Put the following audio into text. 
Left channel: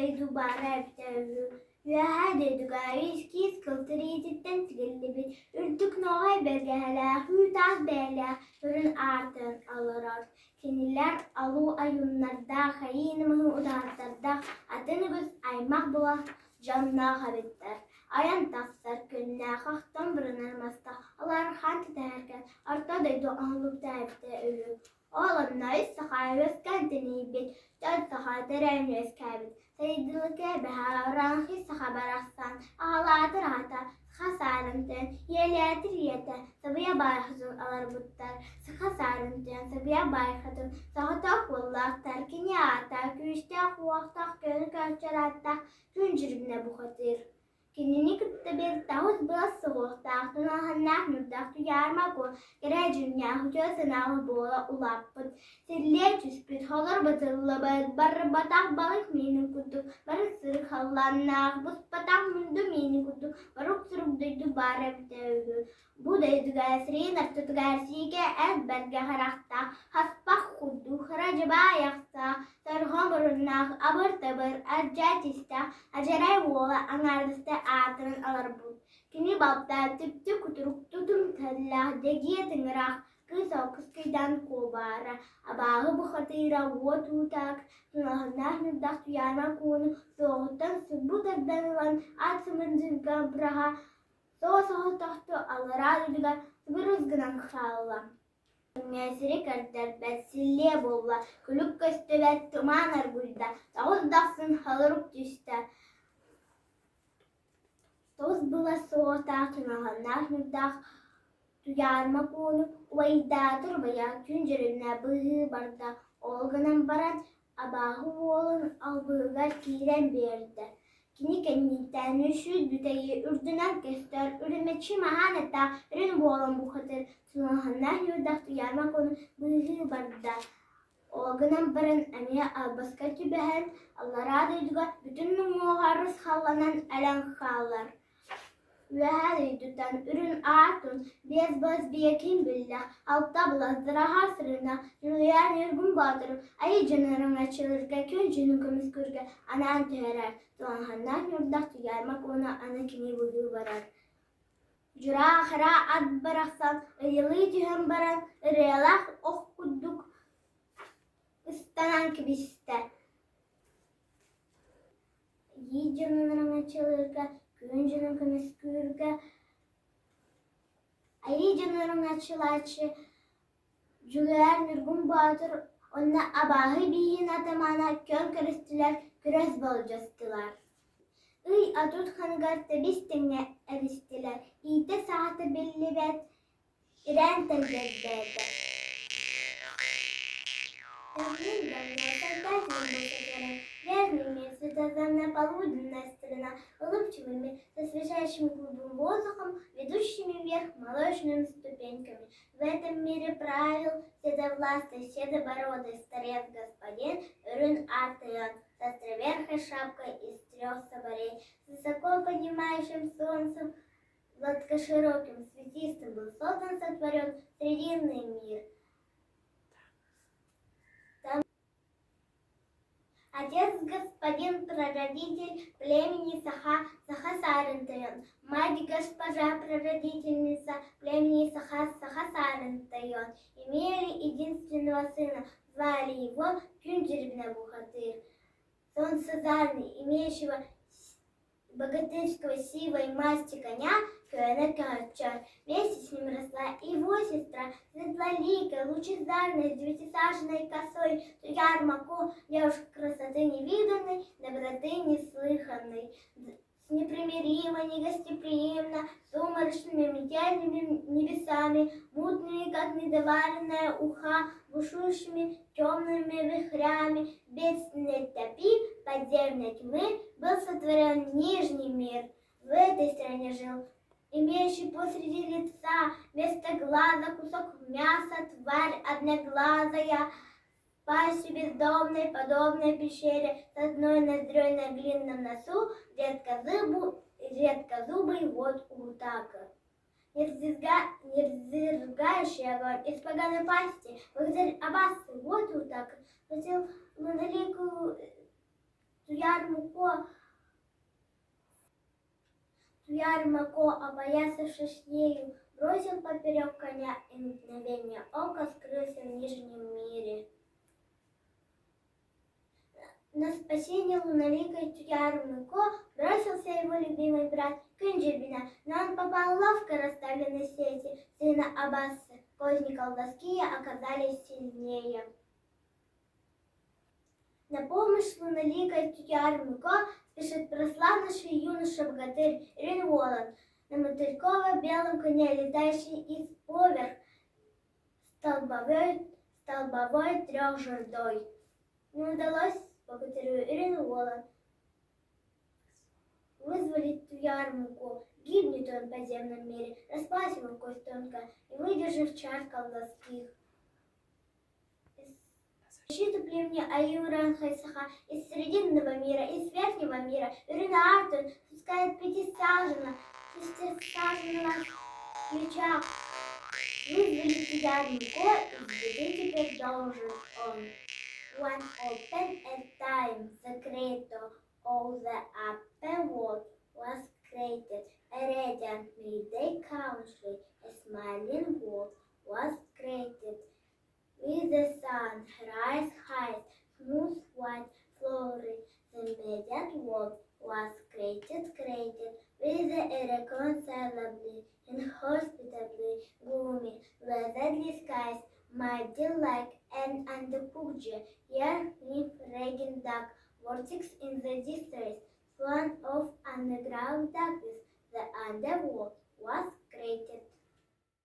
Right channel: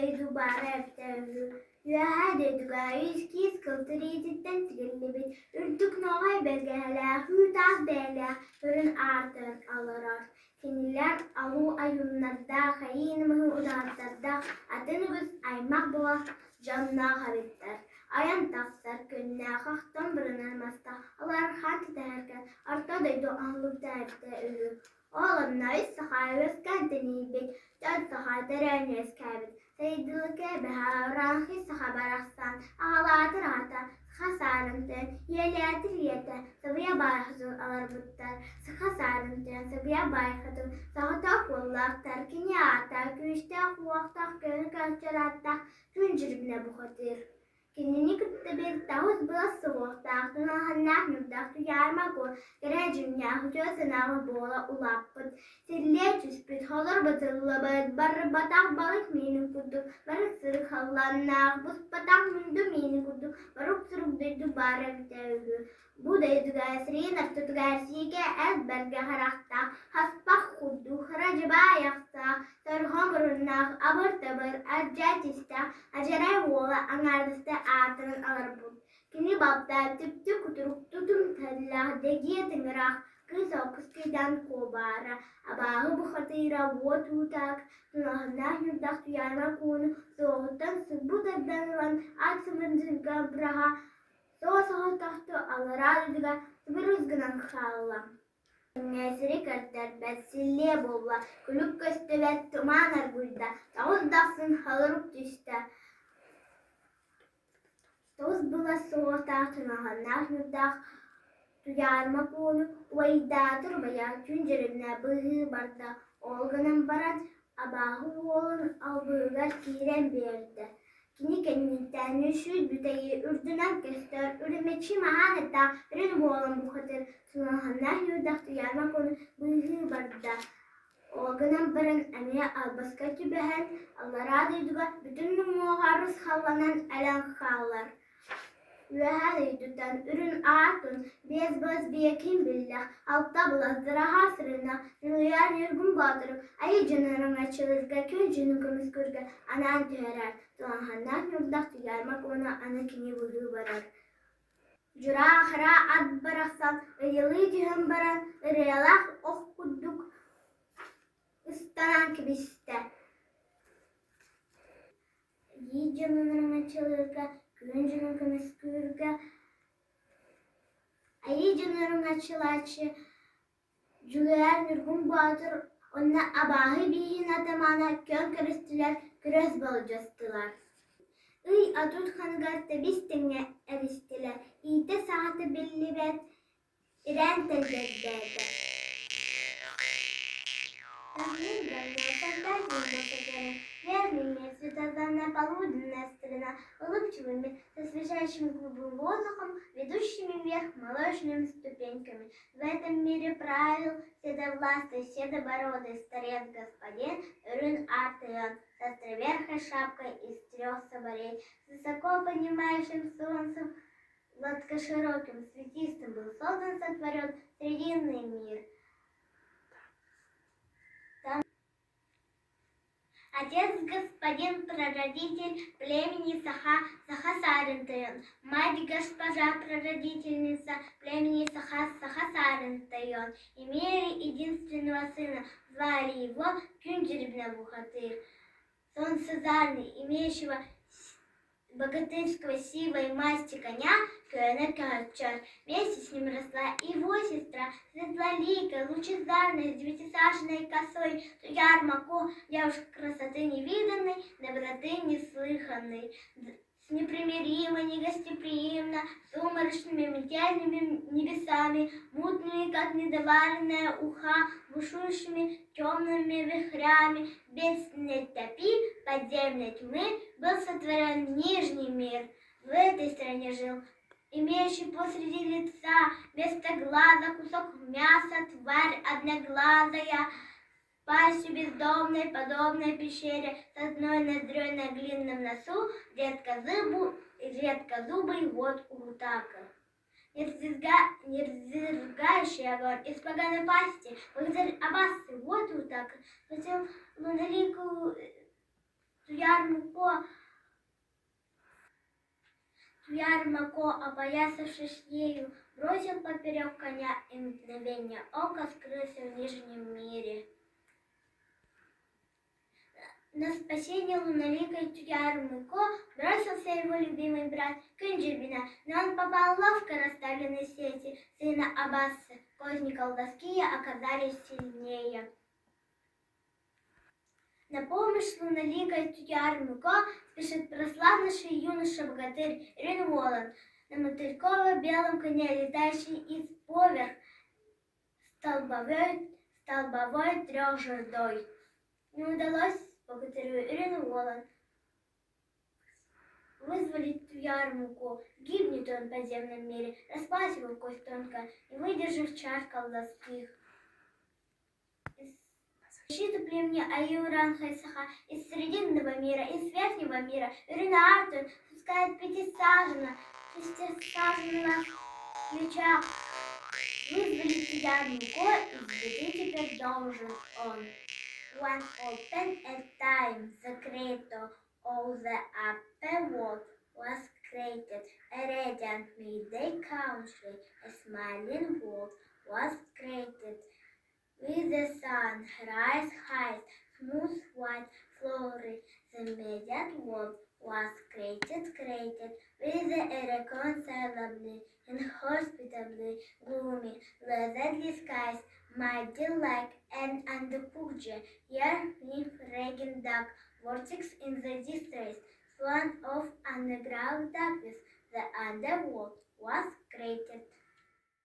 زيدو بعرفتها وهذا دقايش كيس كالتريد التنتقلبي ürdük novay belgeler hütas beyler hürün artın alarar kiniler alu ayunlarda hayinimi udarlarda atınıbız aymak bular canna habitler ayan tafsar könne haktan bırınırmasta alar hant derken artadaydı anlık dertte ölür oğlanlar sahaves kendini bil dört sahat deremles kabit Seydilike beharan hisse haberastan ağlatır hata hasarınten yeletir yete sabıya bayhatın alır buttar hasarınten sabıya bayhatın sahatak vallak terkini ata güçtak vaktak gönü kölçeratta güncürümle bu hatir Kinini kütte bir tavuz bılası vaktak tunahannak nübdak tuyarmak o gerecün yahu çözünahı boğla ulapıt Sirliye çüspüt halar batılla barı batak balık mini kudu barı sırık hallannak buz batak mundu mini kudu baruk sırık duydu barı devgü Bu deydu gayesriğin artutu gayersike ez berge harakta haspak kudu haracı bayakta Sarham barınnak abır tabır acaytista acaray vola angardiste atın alır bud Kini babda tüptü kuturuk tutum tallah degiye tıngırak Kız o kıskıdan kobara abahı bu hatira vot utak Tunahınlah nübdak tuyana konu soğuktan subut edenilen atımın braha Soğuk tahtı alara düdüga sıbırızgınan khallam Nesiri kartar besilliye bolla kuluk köstüvet tumanar gulda Tavuz daksın halırık düşte Toz bula soğuk tahtınahınlah nübdak Tuyarma konu vaydadır veya güncürüne bıhı barda Olganın baran abahı oğlun albıgar kiren berdi Kini kendinten üşüd büteyi ürdünen göster Ürümeçi mahanetta ürün boğulan bu hatır Tunahanlar yurdak tuyarma konu bıhı barda Olganın baran emiye albaskatı behen Allah radıyduga bütün muharrız hallanan elen hallar Ve her yüdüden ürün ağatın bez biyekin billah altta bulazdıra hasrına rüyar yürgün bağdırı ayı cınırın açılırga kün cünün kımız kırga anan tüherer Tuğanhanlar yurdak tuyarmak ona anakini vuhu varar Cura ahıra ad bıraksan ıyılı cühün baran ırıyalak oh kudduk ıstanan kibiste Yi cınırın açılırga Güncünün kımız kırga Ayı cınırın açılaçı Cüler nürgün bağdır Onna abahı bihin atamana kör kırıstılar Küres balcastılar Iy atut hanıgatta bistinle eristiler İte saati belli bet İren tezzeddeydi Верные светозарно полуденная сторона, улыбчивыми, со свежайшим голубым воздухом, ведущими вверх молочными ступеньками. В этом мире правил седовластый, седобородый старец господин Рюн Артион, с островерхой шапкой из 3 соболей, с высоко поднимающим солнцем, гладкошироким, светистым был создан, сотворен срединный мир. Отец господин прародитель племени Саха Сарантайон. Мать госпожа прародительница племени Саха Сарантайон. Имели единственного сына, звали его Кюнджерибна Бухатыр. Солнцезарный, имеющего богатырского сила и масти коня, Кюэна Качар. Вместе с ним росла его сестра, светлоликая, лучезарная, с 9-саженной косой, Туярмако, девушка красоты невиданной, доброты неслыханной, с непримиримо, негостеприимно, сумрачными метельными небесами, мутными, как недоваренная уха, бушующими темными вихрями, бедственной топи, подземной тьмы, был сотворен нижний мир. В этой стране жил имеющий посреди лица вместо глаза кусок мяса, тварь одноглазая, пастью бездомной, подобной пещере, с одной ноздрёй на длинном носу, редкозубый вот утака. Нерзыргающий огонь из поганой пасти, благодарь Аббасы, вот утака, хотел луноликую Ярмако, опоясавшись ею, бросил поперек коня и мгновение ока скрылся в нижнем мире. На спасение луноликой Ярмако бросился его любимый брат Кынджибина, но он попал в ловко расставленные сети сына Аббаса. Козни колдовские оказались сильнее. На помощь луноликой Ярмако спешит прославленный юноша-богатырь Ринволан на мотыльково-белом коне, летающий из поверх столбовой трехжердой. Не удалось богатырю Ринволан вызволить Ярмаку. Гибнет он в подземном мире, распалась его кость тонко, не выдержав чар колдовских. Защиту племени Аюран Хайсаха из Срединного мира, из Верхнего мира, Ирина Артур спускает пятисаженно ключа. Вызволить Ярмако из беды теперь должен он. One open at time, the creator of the upper world was created. A radiant midday country, a smiling world was created. With the sun, rise high, smooth white flowery, the radiant world was created. With the irreconcilably, inhospitably gloomy, weatherly skies, mighty like an underpugge, here nymph regnant duck, vortex in the distress, swan of underground darkness, the underworld was created.